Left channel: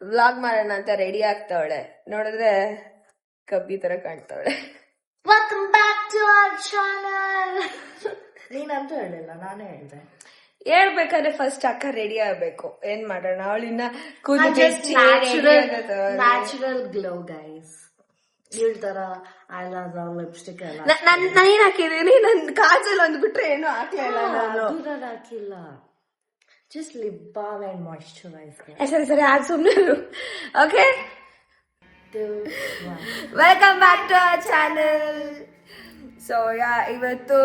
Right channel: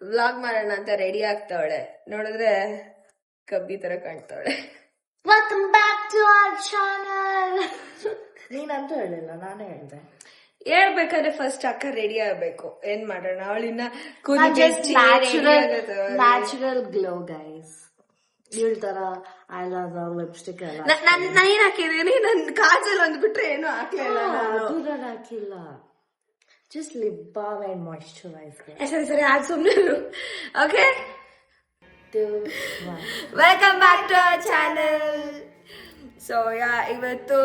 Vlog ಮಾಡೋಣ ಅಂತ ready ಆಗ್ತಾವಳೆ. ನೋಡಿದ್ರೆ ಕಬ್ಬಿ ತರ ಕಾಣ್ತಾವಳೆ. Welcome back to our channel. ನೀನಂತೂ ಹೇಳಿಲ್ಲ, ನಾನೇ ಹೇಳಿದೆ. ಹೇಳ್ಬೇಕಾದ್ರೆ ಫಸ್ಟ್ ಅಕ್ಕ ರೆಡಿ ಆಗ್ಬೇಕು. ಏನ್ ಮಾಡೋಣ, ಅವಳಿನ್ನ ಕೂದಲು ನ್ಯಾಚುರಲ್ ಗ್ಲೋ ಗೈಸ್. ಈ ತರ ಐಲೈನರ್ ಲಿಪ್ಸ್ಟಿಕ್ ಎಲ್ಲ ನಾನು ಏನ್ ಹಾಕಿದೀನಿ, ನನ್ ಕಾಜಲ್ ಅಂದ್ಬಿಟ್ರೆ ಏನು ಹಾಕ್ಲಿಲ್ಲ. ನಾನು ಹಾಕಿಲ್ಲ, just lip balm and moisturiser. ಸರಿ ಆಗ ಸುಮ್ನೆ. Okay, welcome back to our channel. So ಇವತ್ತು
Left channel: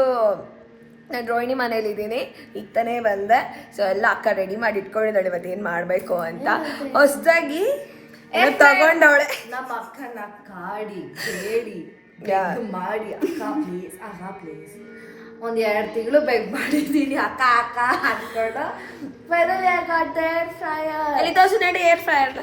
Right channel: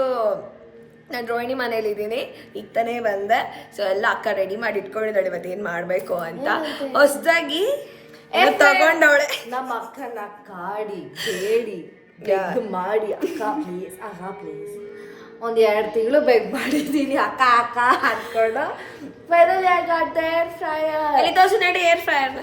ನಾನು ರೋಹಿಣಿ ಮನೇಲಿ ಇದ್ದೀನಿ. ಈಗ ತಾನೇ ಬಂದೆ. ಸೊ ಎಲ್ಲ ಅಕ್ಕ ರೆಡಿ ಮಾಡಿ ಇಟ್ಕೊಂಡಿದ್ದಾಳೆ ಇವತ್ತು ಏನ್ ಮಾಡ್ಬೇಕು ಅಂತ. ಹೊಸದಾಗಿ ತಗೊಂಡವಳೆ. ನಮ್ಮ ಅಕ್ಕನ ಕಾಡಿ ಬೇಡಿ ಮಾಡಿ ಅಕ್ಕ ಪ್ಲೀಸ್ ಪ್ಲೀಸ್ ಒಂದ್ 2 ತಿಂಗಳು ಬೆಗ್ ಮಾಡಿದೀನಿ ಅಕ್ಕ ಅಕ್ಕ ಅನ್ಕೊಂಡು. ಫೈನಲ್ ಏರ್ ಫ್ರೈಯರ್ ಅಲ್ಲಿ ತೋರ್ಸು ನಡಿ, air fryer.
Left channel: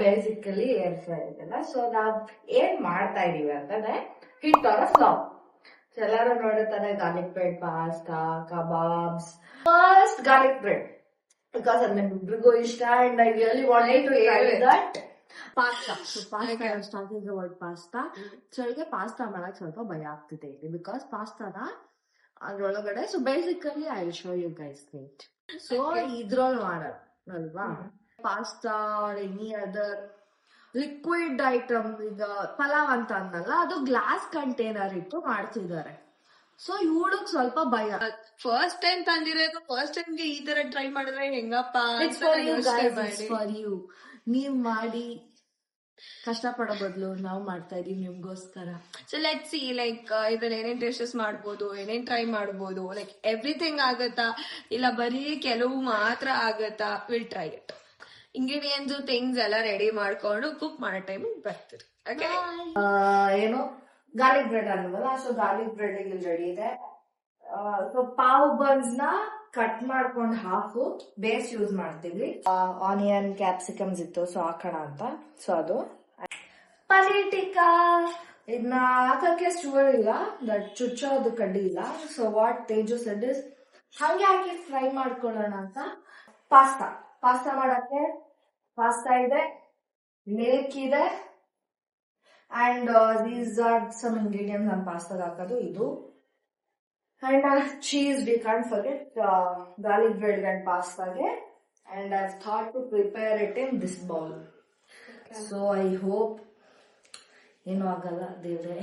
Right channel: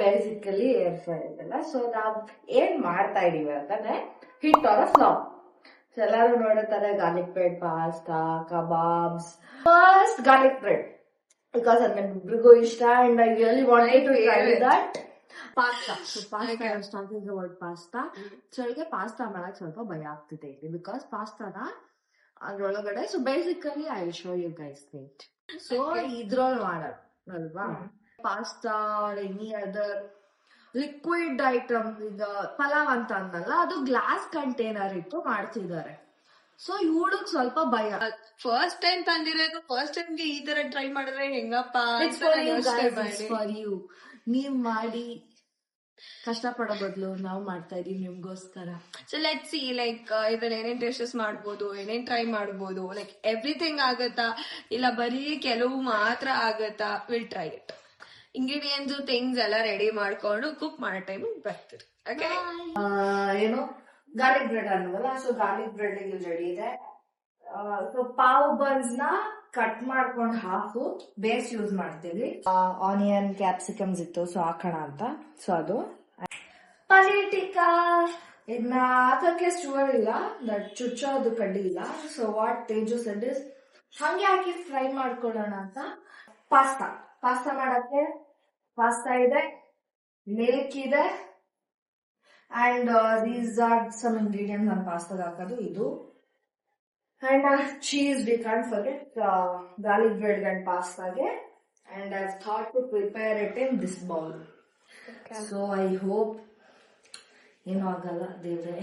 Basically air fry ಇದೆಲ್ಲ. ಸೊ ನಾವ್ ಏನ್ ಮಾಡ್ತಾ ಇದೀವಿ ಅಂತಾನೆ ಹಿಟ್ ಸ್ಲಾವ್. ಎಲ್ಲಾರು ನೋಡುತ್ತಾರೆ garlic bread, pasta, kebabs. First garlic bread because ಅದ್ ನಮ್ಮಿಬ್ರಿಗೂ ಇಷ್ಟ and I really wanted to try that. Pasta. So pasta starting word pasta. So ಅವಳಿಗೆ ಪಾಸ್ತಾ ಮಾಡಕ್ ಸ್ವಲ್ಪ ಭಯ ಆಗ್ತಿದೆ ಇಲ್ಲಿ ಬಿಕಾಸ್ ಪಾಸ್ತಾನ ಅದ್ರೊಳಗಡೆ. So basically I will show you guys it. So ಇದ್ರೊಳಗೆ ಮಾಡೋದಲ್ವಾ pasta or any other liquid item. ಈಗ ಪಲಾವ್ ಅಂತ ಅಂದಲ್ಲ, ಅದು ಗ್ಲಾಸ್ ಕಂಟೈನರ್ ಇಟ್ಟು ಮಾಡ್ತಿದ್ದಾರೆ. ಸೊ ಇವಳಿಗೆ ಸ್ವಲ್ಪ ಭಯ. ಫಸ್ಟ್ ಟೈಮ್ ತಂದಿರೋದು, ಫಸ್ಟ್ ಟೈಮ್ಗೆ ಈ ತರ ಟ್ರೈ ಮಾಡಿದ್ರೆ ಹೆಂಗಪ್ಪ. ಫಾರ್ ಯು, ನೀವ್ ಮಾಡಿ ಕಷ್ಟ ಪಡೋ ಬದಲು ನಾವು ಮಾಡ್ತಾ ಇದೀವಿ ನಿಮ್ಗೋಸ್ಕರ. ಸೊ ಲೆಟ್ಸ್ ಸಿ, ಲೈಕ್ ಇದ್ರಲ್ಲಿ ಏನೇನ್ ಟೇಸ್ಟಸ್ ಮಾಡ್ಬೋದು, ಏನೇನ್ ಟ್ರೈ ಮಾಡ್ಬೋದು, ಲೈಕ್ ಎವ್ರಿಥಿಂಗ್ ಆಗತ್ತಾ ಇಲ್ಲ ಬರೀ ಕೆಲವು ಮಾತ್ರ ಆಗತ್ತಾ. Will try it. Ingredients things ಎಲ್ಲ ರೆಡಿ ಮಾಡ್ಕೊಂಡು ಕುಕ್ ಮಾಡೋ ಟೈಮ್ ಬರ್ತೀರಿ. ಓಕೆ, ಏನು ಗಾರ್ಲಿಕ್ ಬ್ರೆಡ್ ಅನ್ನೋದಲ್ಲ. ಸೊ ಗಾರ್ಲಿಕ್ ಬ್ರೆಡ್ ಇಲ್ಲಿ ರೆಡಿ ಇದೆ. ಸೊ ಪಾವ್ ಬನ್ಸ್ ನ ಕಟ್ ಮಾಡ್ಕೊಂಡು ಹಾಫ್ ಬೇಸ್ ಯೂಸ್ ಮಾಡ್ತೀವಿ. ಆನಿಯನ್ ಕ್ಯಾಪ್ಸಿಕಮ್ಸ್ ಇತ್ತು, ಸೊ ಹಾಕೋಣ ಅಂತ. ಸೊ ಅದು ಪನೀರ್ ಟಿಕ್ಕಾ. ಇದನ್ನ ಹಾಕಕ್ಕೆ ಶುಗರ್ ಇಲ್ಲ, ದಟ್ ಚುಚ್ಚೋದು ಕಡ್ಡಿ ಇಲ್ಲ. So what Teju shed is ಹಂಗೆ ಹಾಕಿ ಫ್ರೈ ಮಾಡ್ಕೊಳ್ಳೋಣ ಅಂತ. ಪಾಸ್ತಾ ಮಾಡಕ್ಕೆ ಪಾಸ್ತಾ ಇದೆ, ಮಿಲ್ಕ್ ಇದೆ and these are some ingredients ನಾನು ಪಾಸ್ತಾಗ ಹಾಕೋದು. ಇದು and cheese, we can't forget garlic bread and ಪಾಸ್ತಾಗೆ. And I thought to prepare it in this bowl. So I hope ಏನೂ ಆಗಲ್ಲ ದೇವ್ರೆ.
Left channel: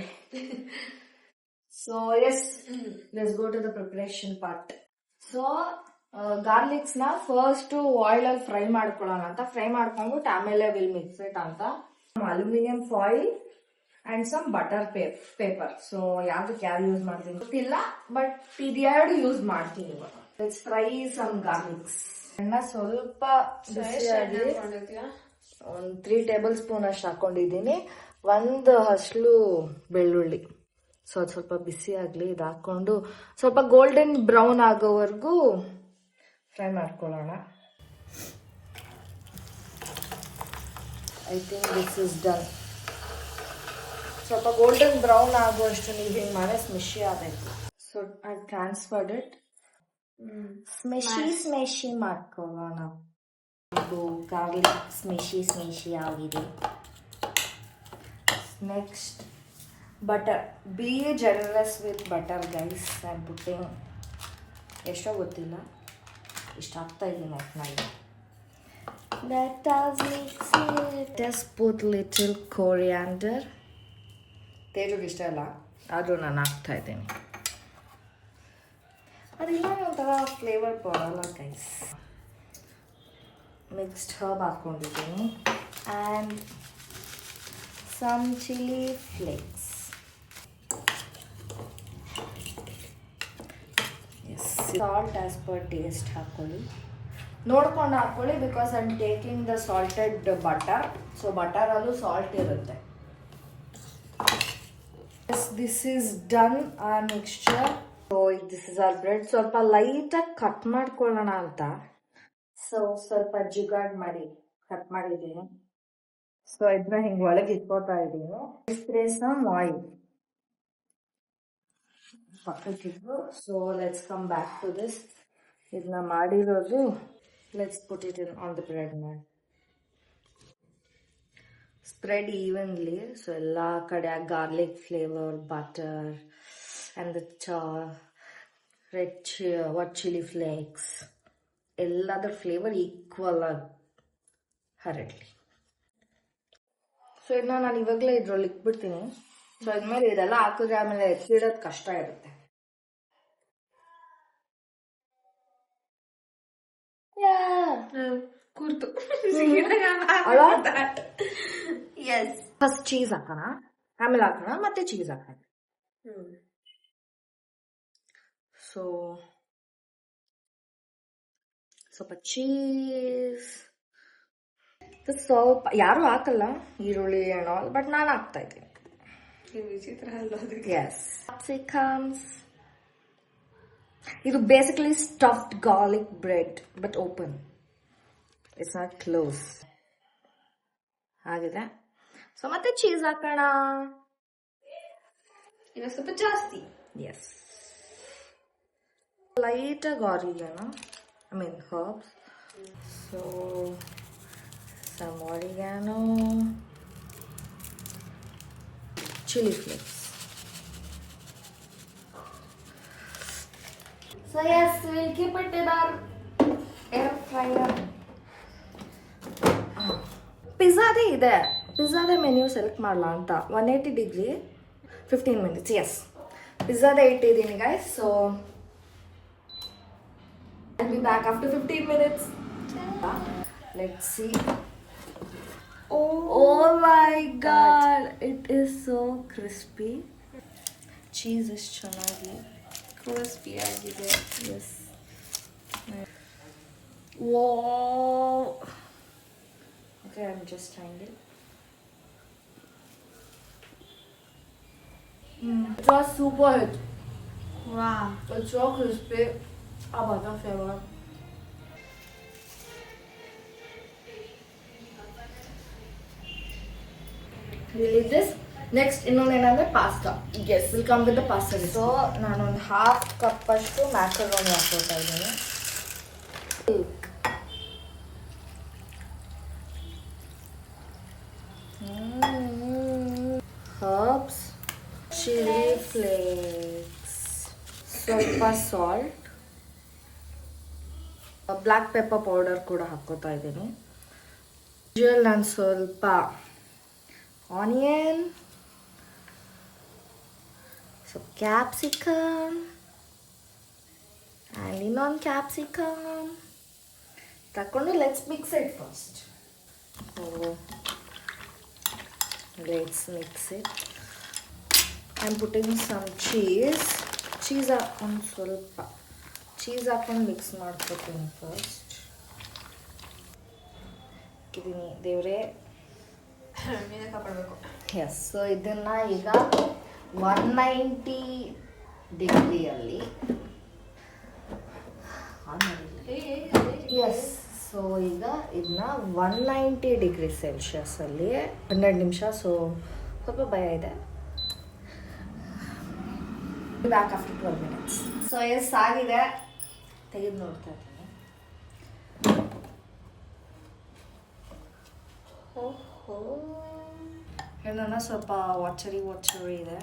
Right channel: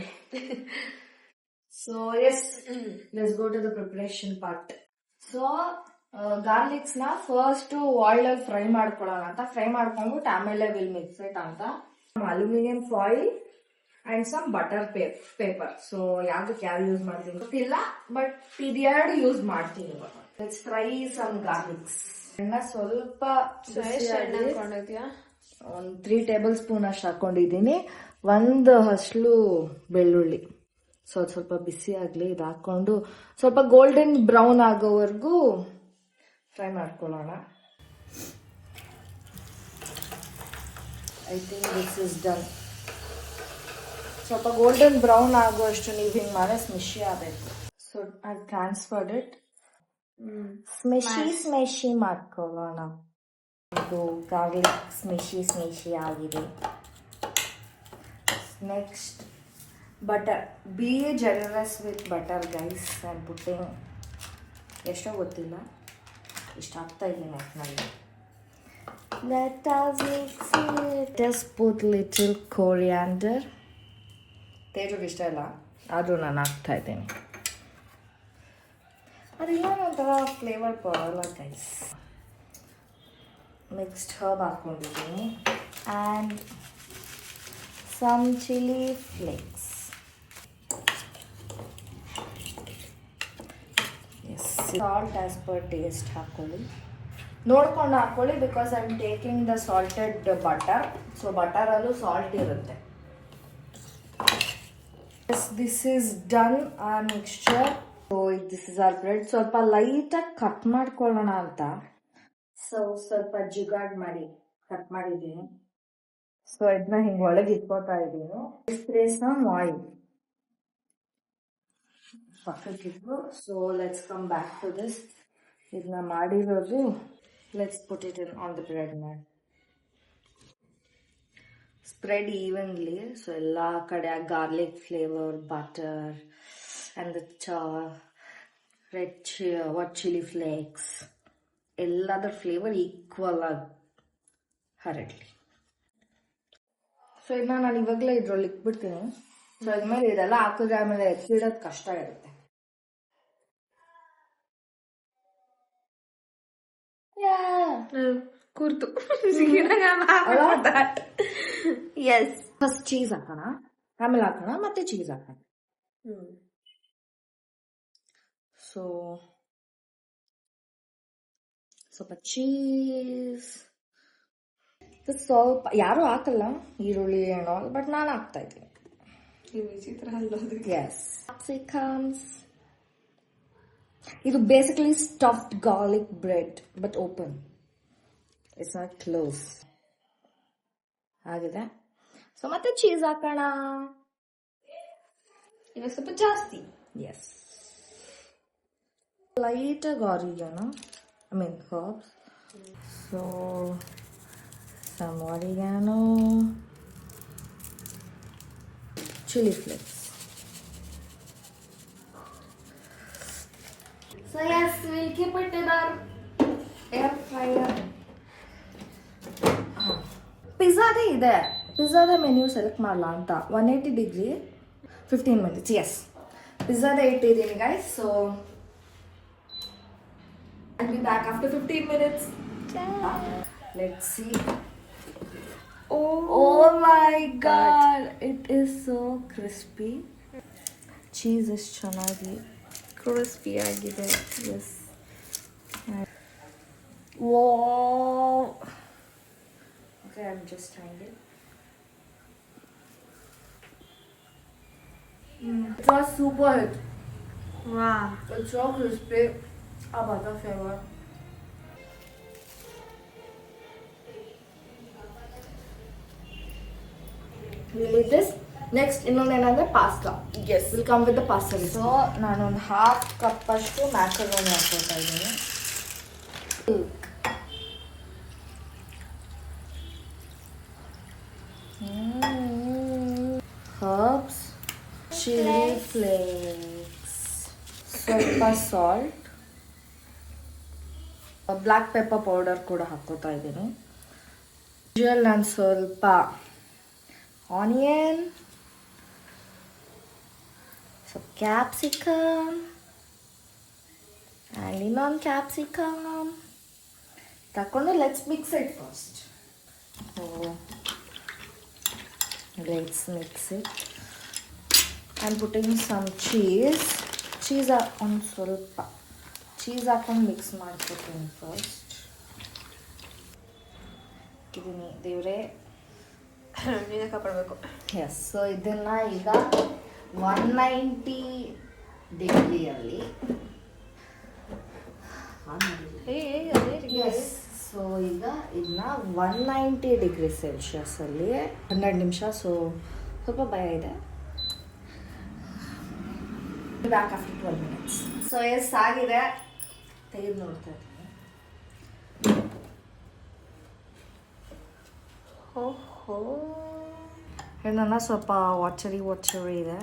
So yes, let's go to the preparation part. So garlics ನ first oil ಅಲ್ಲಿ fry ಮಾಡ್ಕೊಳ್ಳೋಣ ಅಂತ. Fry ಮಾಡ್ಕೊಂಡ್ಬಿಟ್ಟು ಆಮೇಲೆ ವಿಲ್ ಮಿಕ್ಸ್ ಇಟ್ ಅಂತ. Aluminium foil and some butter paper. So ಯಾವ್ದಕ್ಕೆ ಯಾರು ಯೂಸ್ ಮಾಡ್ತೀನಿ ಗೊತ್ತಿಲ್ಲ, ಬಟ್ ಇದೆರಡು ಯೂಸ್ ಮಾಡ್ತೀನಿ. Let's fry some garlics. ಎಣ್ಣೆ ಸ್ವಲ್ಪ ಒಂದು 3 ಟೇಬಲ್ ಸ್ಪೂನ್ ಅಷ್ಟು ಹಾಕೊಂಡಿದ್ದೀನಿ. 1 ಹಸ್ಲು ಬೆಳ್ಳುಳ್ಳಿ. ಸೊ ಅದು ಸ್ವಲ್ಪ ಬಿಸಿ ಆಗ್ಲಿ. ಇದು ಹಾಕೊಂಡು ಸ್ವಲ್ಪ ಗೋಲ್ಡನ್ ಬ್ರೌನ್ ಆಗೋವರೆಗೂ ಫ್ರೈ ಮಾಡ್ಕೊಳ್ಳೋಣ. I think this is done. ಸ್ವಲ್ಪ ಗೋಲ್ಡನ್ ಬ್ರೌನ್ ಆಗೋಷ್ಟು ನೀವು ಹಿಂಗೆ ಮಾಡಿ ಸ್ಮಿಶಿ ಆಗಬೇಕು. So I transferred it. Smushy ಮಾಡ್ಕೊಳ್ಳೋಣ. ಇದು ಗಾರ್ಲಿಕ್ ಸ್ಮಿಶಿ ಆಗಿದೆ. Next butter. Be generous with butter guys. I am putting ಎಷ್ಟೋ ಗೊತ್ತಿಲ್ಲ, ಇಷ್ಟ ಆಗ್ತಾ ಇದ್ದೀನಿ ಒಟ್ಟಿನಲ್ಲಿ. Let us mix it. Just put little coriander. ತೇಜುಗೆ ಇಷ್ಟ ಇಲ್ಲ, ಆದರೂ ನಾನು ಹಾಕ್ತಾ ಇದ್ದೀನಿ. ಅದಿಲ್ಲ ಒಂಥರ ಫ್ಲೇವರ್ ಬರಲ್ಲ ಗೈಸ್. ಮಿಕ್ಸ್ಡ್ ಹರ್ಬ್ ಹಾಕ್ಕೊಂಡಿದ್ದೀನಿ and some chilli flakes. Yes, salt as per taste ಹಾಕ್ಕೊಳ್ಳಿ. ನೋಡ್ಕೊಂಡು ಹಾಕ್ಕೊಳ್ಳಿ because I am taking the salted butter. So ಬಟರಲ್ಲೂ ಸಾಲ್ಟ್ ಇರುತ್ತೆ. This is done our mixture. So this is our bread. ಸ್ವಲ್ಪ ಲೈಟಾಗಿ cut ಮಾಡ್ಕೊಳ್ಳೋಣ ಅಂತ. ಸೊ ಸ್ವಲ್ಪ ಜುಗಾಡ್ ಮಾಡಿ ಕಟ್ ಮಾಡಿದ್ದೀನಿ. ಸೊ ಇದನ್ನ ಹಿಂಗೆ ಒಳಗೆ ಇಟ್ಕೋತಾ ಇದ್ದೀನಿ. Spray some oil. ಪಕ್ಕಕ್ಕಿಟ್ಟು. So let's come back to this. ಇದನ್ನ ಮಾಡಿರೋದು, let's put it in on the bread man. Spread evenly. So ಎಲ್ಲ ಕಡೆ garlic flavour, butter and the what chilli flakes ಎಲ್ಲದರ ಫ್ಲೇವರ್ ಈಕ್ವಲ್ ಆಗಿ ಹರಡಲಿ. ಸೊ ಇದನ್ನ ನಾನು ಇವಾಗಲೇ ಇದ್ರೊಳಗೆ ಇಟ್ಬಿಡ್ತೀನಿ. ಸೊ ಇದ್ಮೇಲೆ ಇದೆಲ್ಲ ಹಾಕಿದ್ರೆ ಆಮೇಲೆ ಎತ್ತಿಡೋದು ಕಷ್ಟ ಇರುತ್ತೆ. ಕೂರ್ತು ಎಸ್. ಫಸ್ಟ್ ಚೀಸ್ ಹಾಕೋಣ, ಆಮೇಲೆ ಹಾಕೋಣ, ಮತ್ತೆ ಚೀಸ್ ಹಾಕೋಣ. ಸೊ ಸ್ವಲ್ಪ ಚೀಸ್, ಸ್ವಲ್ಪ ಯಾರು ಹಾಕಲ್ಲ ಈರುಳ್ಳಿ ಅಂಡ್ ಆಲ್, ಬಟ್ ನಾನು ಹಾಕ್ತಾ ಇದ್ದೀನಿ. S, capsicums. ಇದು basically stuffed garlic bread but open, it's not close ಆಗಿದೆ. ಸೊ ಮತ್ತೆ ಚೀಸ್ ಹಾಕೋಣ. ಇದು ಸ್ವಲ್ಪ ಜಾಸ್ತಿ. ಎಸ್, ಲೈಟಾಗಿ ಆರಿಗಾನೋ, I mean herbs. So some oregano, chili flakes. So yes, we'll keep it in our air fryer. ಪಿಜ್ಜಾದೇ ಇದೆ, ಪಿಜ್ಜಾದ menu select ಮಾಡಲ ಅಂತ. 180 ಡಿಗ್ರಿ 15 minutes. ಎಸ್, ಪಿಜ್ಜಾದೇ ಇಟ್ಟಿದ್ದೀನಿ guys. So I'll be back after 15 minutes. Let's see. Oh my god, it is so crispy. Cheese is ಚೆನ್ನಾಗಿ crispy ಆಗಿದೆ. yes. Wow. Okay, I'm just trying it. It was super hot. Wow. It's so crispy. About the flavor. We'll eat this. Next, ಇನ್ನೊಂದೇನಂದ್ರೆ pasta. Yes. We'll come with the pasta. So, ನಾನೊಂದು half cup ಅಷ್ಟು macaroni ಹಾಕ್ಕೊಳ್ತಾ ಇದ್ದೀನಿ. Herbs, chili flakes, ಸ್ವಲ್ಪ salt, black pepper powder ಕೂಡ ಹಾಕೋತಾ ಇದ್ದೀನಿ. ನಾನು ಸ್ವಲ್ಪ ಆನಿಯನ್, ಸ್ವಲ್ಪ ಕ್ಯಾಪ್ಸಿಕಮ್ ಆ್ಯಂಡ್ ಇನ್ನೊಂದು ಕ್ಯಾಪ್ಸಿಕಮ್ ತಗೊಂಡು let's mix it first. Let's mix it. I am putting some cheese. Cheese ಒಂದು ಸ್ವಲ್ಪ ಚೀಸ್ ಹಾಕೊಂಡು ಮಿಕ್ಸ್ ಮಾಡ್ಕೊತೀನಿ ಫಸ್ಟ್. ಇದೀನಿ ದೇವರೇ, ನೀನೇ ಕಾಪಾಡಬೇಕು. ಎಸ್. ಸೊ ಇದನ್ನು ಈಗ 190 ಡಿಗ್ರಿಯಲ್ಲಿ ಎಸ್. ಸೊ ಈಗ ಇದನ್ನ 190 ಡಿಗ್ರಿ ಸೆಲ್ಸಿಯಸ್ಸಲ್ಲಿ 12 ನಿಮಿಷ. ಸೊ ಸ್ವಲ್ಪ ಭಯ ಇದೆ. Back after 12 minutes. ಸೊ ಎಸ್ ಆಗಿದೆ, ತೆಗೆದು ನೋಡ್ತಾ ಇದ್ದೀನಿ. ಓಹೋ, ಏನನ್ನ ಸ್ವಲ್ಪ ವಾಚರಿ ಇದೆ.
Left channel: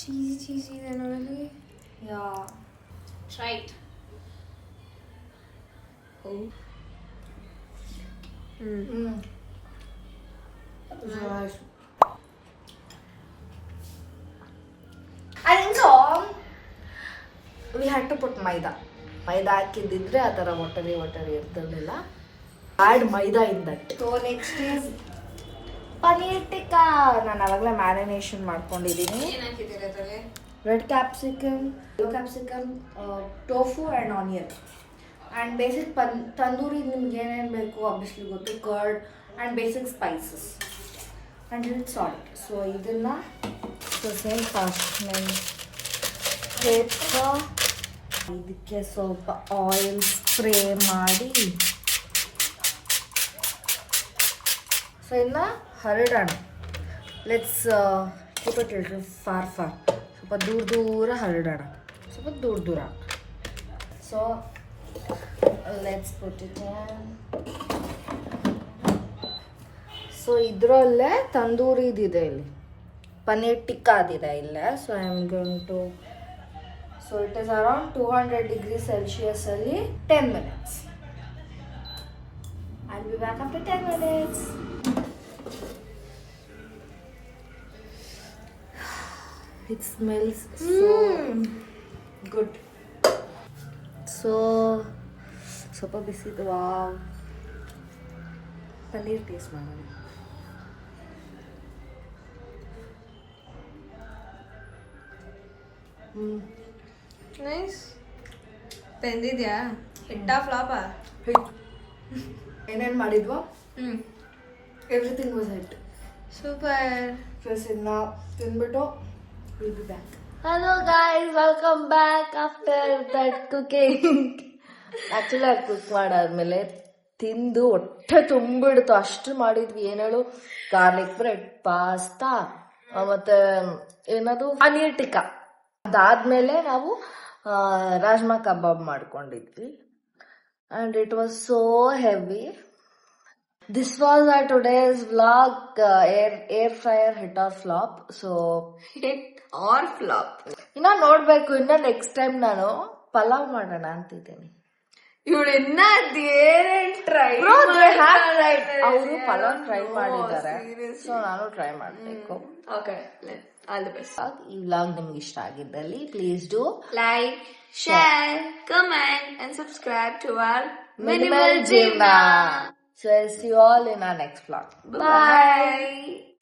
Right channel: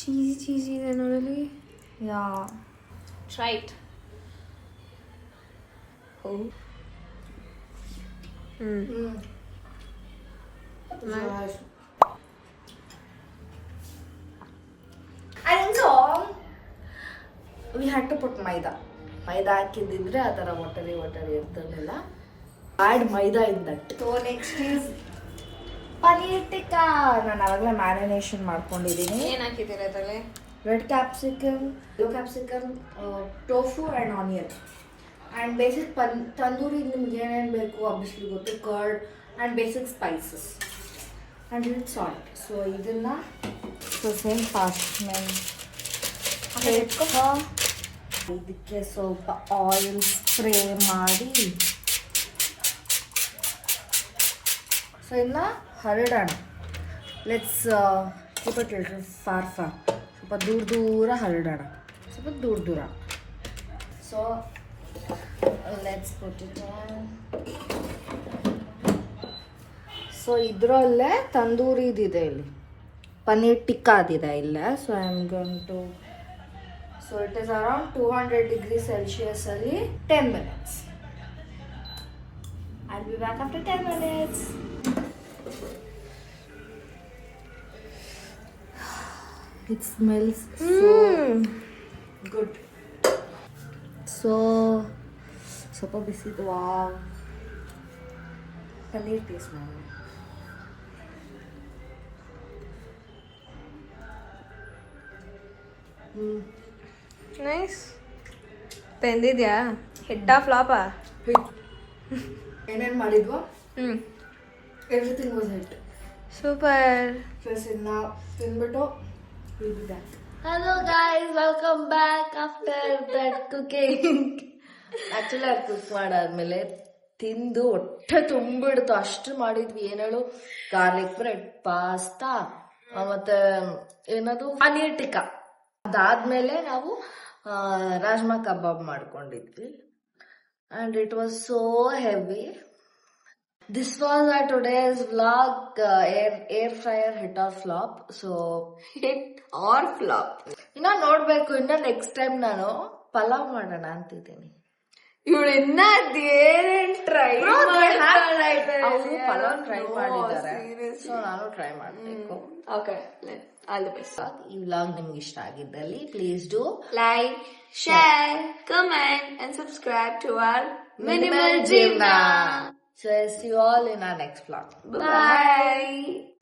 ಚೀಸಿ ಇದೆ ನೋಡಲಿ. Yeah, try it. I think so. We had to put maida ಹಾಕಿದ್ದಿದ್ರೆ ಆ ಥರ ವಾಟರಿ ಇರ್ತಿರ್ಲಿಲ್ಲ. Add maida in that. So next is paneer tikka. ನಾನು ಅವಾಗಲೇ ಮ್ಯಾರಿನೇಷನ್ ಮಾಡ್ಕೊಂಡಿದ್ದೀನಿ. ಏನು ಹಾಕಿದ್ದೀರ ಅದರಲ್ಲಿ? Red capsicum, yellow capsicum, tofu and onion and basic tandoori. ನಿಮ್ಗೆ ಏನೇನು ಬೇಕು ಆಬ್ವಿಯಸ್ಲಿ ಗೊತ್ತು. Curd and basic spices and little salt. So ಇದನ್ನು ಸೇಮ್ ಪಾರ್ಚ್ಮೆಂಟ್ ಪೇಪರ್, ಇದಕ್ಕೆ ಸ್ವಲ್ಪ ಆಯಿಲ್ ಸ್ಪ್ರೇ ಮಾಡಿ ಸೊ ಇನ್ನು ಹರಡೋಣ. ಲೆಟ್ಸ್ ಕೀಪ್ ಇಟ್ ಫಾರ್ ಸ್ವಲ್ಪ ದೂರ ದೂರ ಹರಡೋಣ, ಸ್ವಲ್ಪ ದೂರ ದೂರ. So let's put it. So ಇದರಲ್ಲೇ ತಂದೂರಿದಿದೆ, ಇಲ್ಲಿ ಪನ್ನೀರ್ ಟಿಕ್ಕಾದಿದೆ ಇಲ್ಲೇ. So I am going to, so it is around 200 degree Celsius ಅಲ್ಲಿ 10 minutes. I'll be back after 10 minutes. It smells so good. So ಸ್ವಲ್ಪ ಬಿಸಿದು. ವಾವ್, ಪನ್ನೀರ್ ಟೇಸ್ಟ್ ಮಾಡೋಣ. ನೈಸ್. ಬೆಂದಿದ್ಯಾ? ಹಿಟ್ಟಾ ಫ್ಲಾಪಾ? ಏನೇನು ಮಾಡಿದ್ವೋ everything was hit. Super. First ಇದನ್ನ ತಿಂದ್ಬಿಟ್ಟು will be back. Hello guys, welcome back after that cooking. Actually ಅದು ಕುಕ್ ಮಾಡಾದ್ಮೇಲೆ ತಿಂದು ಹೊಟ್ಟೆ ತುಂಬಿಡ್ತು, ಅಷ್ಟು ಮಾಡಿದ್ವಿ. ಏನ್ ಹೇಳು, ಗಾರ್ಲಿಕ್ ಬ್ರೆಡ್, ಪಾಸ್ತಾ, ಮತ್ತೆ ಏನದು ಪನೀರ್ ಟಿಕ್ಕಾ. ಅದಾದ್ಮೇಲೆ ನಾವು ರಾಜ್ಮಾ ಕಬಾಬ್ ಮಾಡ್ಕೊಂಡಿದ್ವಿ. And it was so heavy. This was our today's vlog. Air fryer hit or flop. So hit or flop ಇನ್ನ ನೋಡ್ಬೇಕು. ಇನ್ನ ನೆಕ್ಸ್ಟ್ ಟೈಮ್ ನಾನು ಪಲಾವ್ ಮಾಡೋಣ ಅಂತಿದ್ದೀನಿ. ಇವಳು ಇನ್ನ ಏನೇನ್ ಟ್ರೈ ಅವರು ಪಲಾವ್ ಟ್ರೈ ಮಾಡಿದ್ದಾರೆ, ಸೊ ನಾನು ಟ್ರೈ ಮಾಡ್ಬೇಕು. Okay, all the best. ಈ ವ್ಲಾಗ್ ನಿಮ್ಗೆ ಇಷ್ಟ ಆಗಿದ್ದಲ್ಲಿ please do like, share, comment and subscribe to our Minimal Jimna. So I'll see you all in our next vlog. Bye.